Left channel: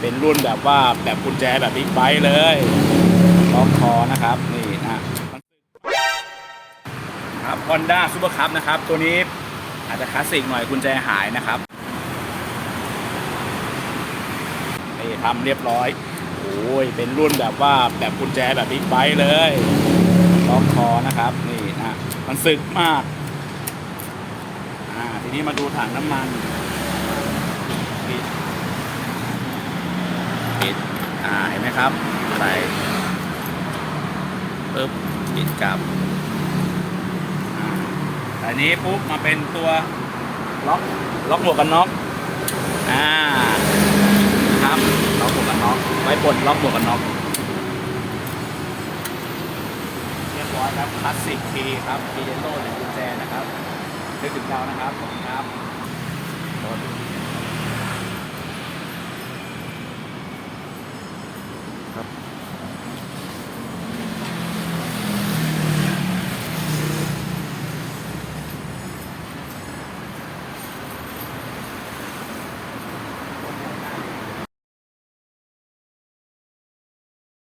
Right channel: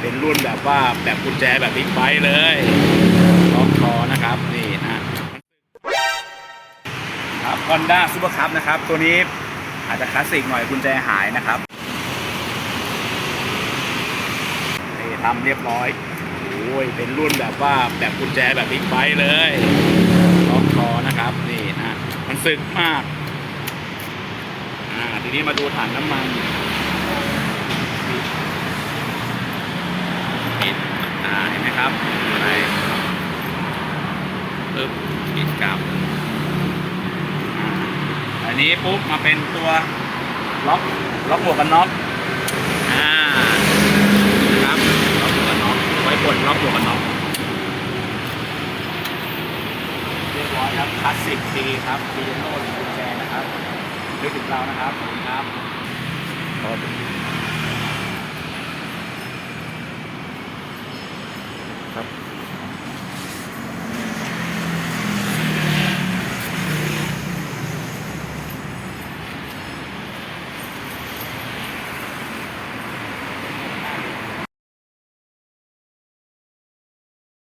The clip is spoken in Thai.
เป็นรุ่นแบบว่าแบบกุญแจแบบบิ๊กไบค์เลยล็อกคอนะครับนี่นะครับ Honda Super Cup นะครับ ตัวนี้อาจจะคลาสสิกหน่อยกุญแจหายนะครับนี่ทำเรียบร้อยโอ้ยเป็นรุ่นแบบว่าแบบกุญแจแบบบิ๊กไบค์เลยล็อกคอนะครับนี่นะมันสึกมากทีนี้มาดูถังน้ำมันปิด อ่า เห็น ไหมครับไปปึ๊บปิดกลับอ่าตอนนี้ปุ๊บมาเป็นตัวล็อกล็อกหมวกกันน็อกอ่าครับล็อกหมวกกันน็อกไว้กดล็อกหมวกกันน็อกเรียบร้อยครับคลาสสิกทีครับดีเจโร่หรือกุญแจนะครับนึกถึงเรานะครับขอบคุณครับ ครับ